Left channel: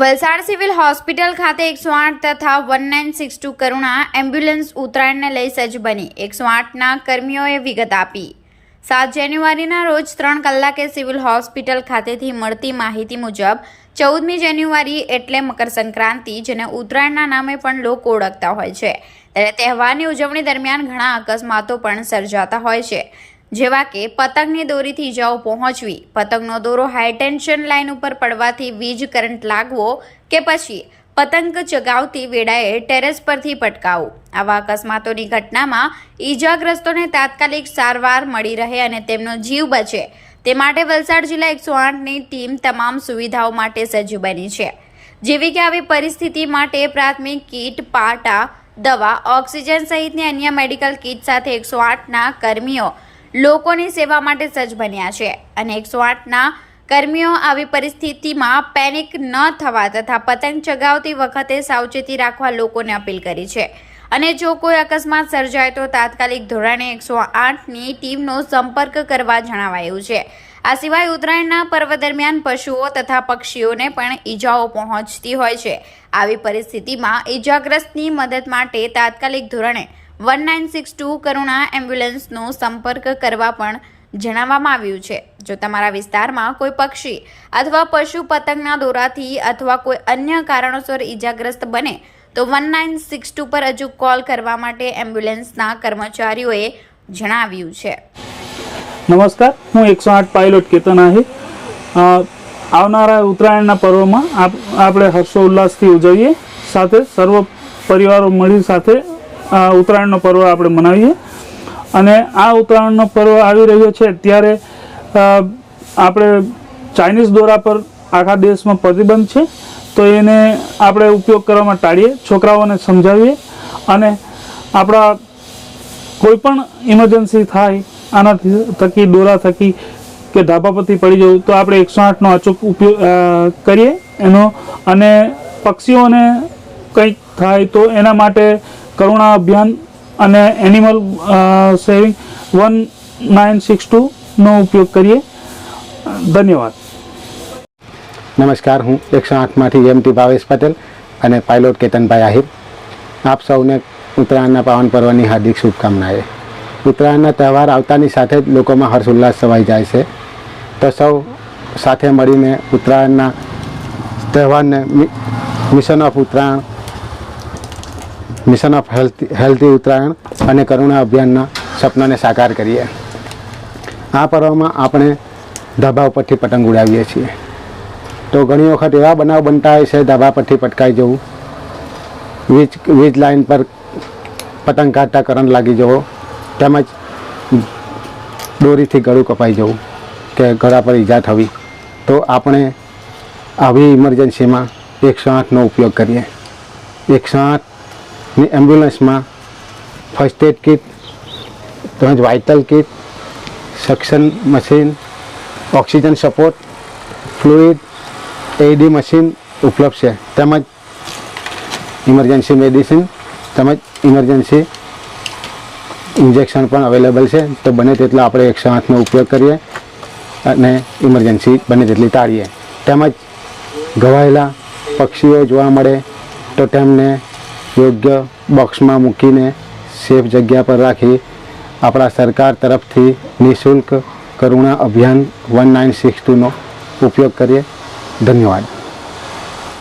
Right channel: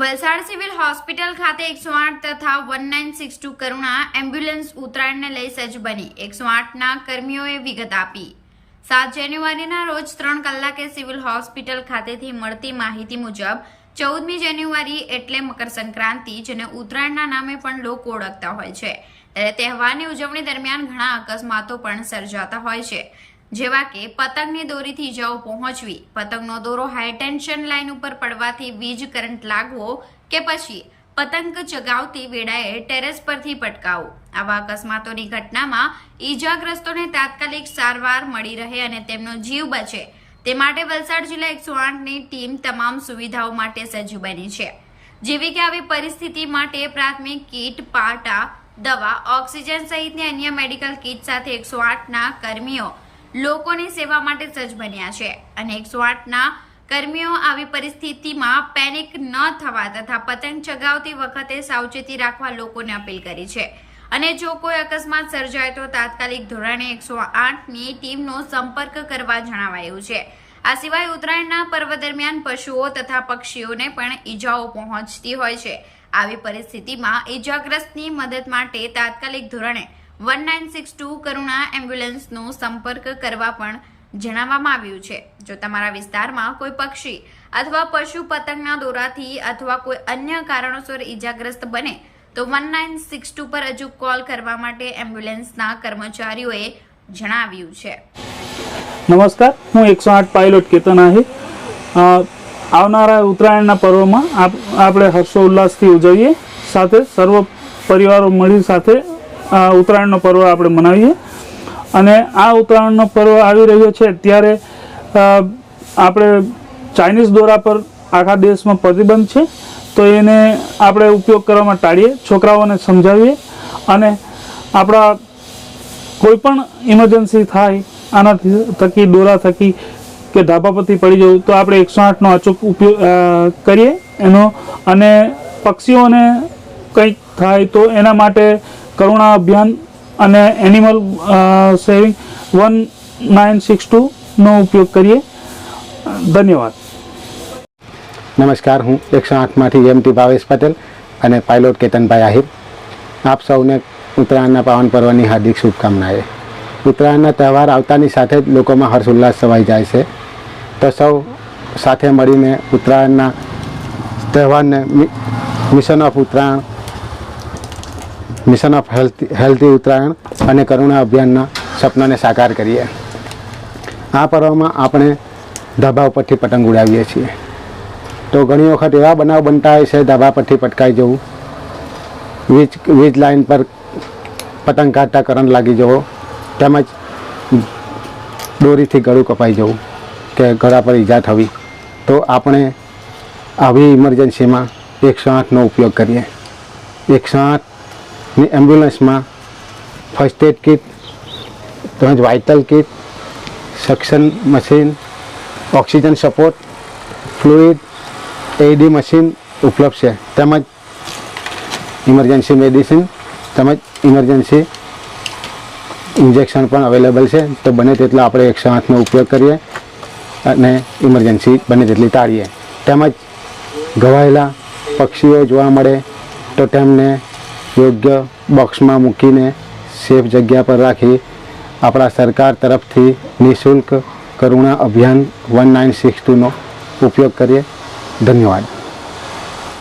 Valsad civil hospital ખાતે એકસો આઠ તથા one nine six two Karuna ambulance ઉત્તરાયણને લઈ સજ્જ બની. એકસો આઠના કર્મીઓએ વિગત આપી. સાત જાન્યુઆરીના રોજ ત્રણ કલાકે સિવિલ હોસ્પિટલ ખાતેથી મળતી માહિતી મુજબ, ચૌદમી જાન્યુઆરી એટલે મકર સંક્રાંતિ, જેને ઉત્તરાયણના નામે પણ લોકો ઓળખતા હોય છે. ત્યારે તહેવારની ઉજવણી દરમિયાન ઘણા અકસ્માતો પણ સર્જાતા હોય છે. જેવા કે પતંગની દોરીથી ઇજાઓ પહોંચવી, પતંગનો દોરો હાઈ ટેન્શન લાઇન ઉપર પડવાથી વીજ કરંટ લાગવો કે પછી પતંગ ચગાવતી વેળાએ ટેરેસ પરથી પટકાવવું આવા અકસ્માતોની ઘટનામાં ઈજાગ્રસ્તોને તાત્કાલિક સારવાર મળી રહે અને તેમનો જીવ બચે. તે માટે વલસાડ જિલ્લા એકસો આઠની ટીમ તમામ સુવિધાઓ માટે સજ્જ બની છે. જેવી કે આવી પરિસ્થિતિ માટે પ્રાથમિક કીટ, પાટા, દવા, ઓક્સિજન સહિતની અન્ય મેડિકલ કીટ સાથે એકસો આઠના કર્મીઓ લોકોની સેવા માટે સજ્જ બન્યા છે અને એકસો આઠના કર્મીઓ આવી પરિસ્થિતિમાં પેનિક ન થવા તથા પતંગ ચગાવતી વખતે સાવચેતી રાખવા લોકોને અપીલ કરી છે. અને જો કોઈ અકસ્માત સર્જાય તો તાત્કાલિક ધોરણે એકસો આઠની ટીમનો સંપર્ક કરવા જણાવાયું છે. આ સિવાય ઉત્તરાયણના પર્વ દરમિયાન પશુઓ તથા પક્ષીઓને પણ ઈજાઓ પહોંચતી હોય છે. આવી પરિસ્થિતિમાં ઈજાગ્રસ્તની મદદ માટે તાત્કાલિક ધોરણે one nine six two Karuna એમ્બ્યુલન્સનો સંપર્ક કરવા પણ જણાવવામાં આવ્યું છે. જો તમારા વિસ્તારમાં કોઈ પક્ષી અથવા પશુ પતંગના દોરાથી અથવા કોઈ અન્ય કારણોસર ઈજાગ્રસ્ત બને, તો વન નાઇન સિક્સ ટુ પર હજુ કોલ કરવા માટે એમ્બ્યુલન્સના કર્મચારીઓએ જણાવ્યું છે. નમસ્કાર, હું એકસો આઠ પાયલોટ કેતન આહિર. આવનારા ઉત્તરાયણના પર્વમાં આપ, આપણે હર્ષોલ્લાસથી ઉજવીએ. સાથે સર્વ પરિવારો મળી સાથે ઉત્તરાયણનો પર્વ આપણે મનાવીએ. અને આ ઉત્તરાયણનો પર્વ આવી રહ્યો છે ત્યારે આપણે ચાઇનીઝ દોરા પર આખા દેશમાં પ્રતિબંધ છે. તો એને આપણે ઉપયોગ કરવામાં ટાળીએ, છોકરાઓને સમજાવીએ. અને આપણા કોઈ પણ ઇમરજન્સી થાય, આનાથી થકી, દોરા થકી કે ધાબા પરથી પડી જવું, તો આપણે એકસો આઠનો અચૂક ઉપયોગ કરીએ એનો. અને પક્ષીઓને કંઈક થાય તો એના માટે કરુણા અભિયાન અને animal saving one nine six ટુનો ઉપયોગ કરીએ. ધન્યવાદ. નમસ્કાર, હું એકસો આઠમાંથી એમટી ભાવેશ પટેલ અને પાયલોટ કેતનભાઈ આહિર. આપ સૌને ઉત્તરાયણના પાવન પર્વની હાર્દિક શુભકામનાએ. ઉત્તરાયણના તહેવાર આવતાની સાથે જ લોકોમાં હર્ષ ઉલ્લાસ છવાઈ જાય છે. તો સૌ સાથે મળીને ઉત્તરાયણના તહેવારને mission of Uttarayan mission of health healthy Uttarayan અને કરુણા અભિયાનના સપનાને સાકાર કરીએ. આ પર્વમાં આપણે ધાબા ઉપરથી પતંગ ઉડાવીએ છીએ. તો ઘણી વખત એવા બનાવ બનતા હોય છે, ધાબા પરથી પટકાઈ જવું. વીજ વીજ લાઇન પર પતંગ કાઢતા કરંટ લાગી જવો. તેમજ દોરીથી ગળું કપાઈ જવું કે ગળા પર ઈજા થવી. તો આપણે આવી ઇમરજન્સીમાં એકસો આઠનો ઉપયોગ કરીએ. એકસો આઠની એમ્બ્યુલન્સમાં ફર્સ્ટ એડ કિટ તેમજ vital kit suction machine oxygen support fluid એડી મશીન ઉપલબ્ધ છે. તેમજ ઇમરજન્સી મેડિસિન તેમજ ઇમરજન્સી ઇન્જેક્શન પણ અવેલેબલ છે. તો બને તેટલા આપણે એકસો આઠનો ઉપયોગ કરીએ અને ઇમરજન્સી બને તેટલી ટાળીએ. તેમજ ઘવાયેલા પક્ષીઓ જોવા મળે તો તેમને યોગ્ય બોક્સમાં મૂકીને સેફ જગ્યા પર રાખી આપણા સરકાર તરફથી નિઃશુલ્ક કરુણા અભિયાન વન નાઇન સિક્સ ટુનો ઉપયોગ કરીએ. ધન્યવાદ.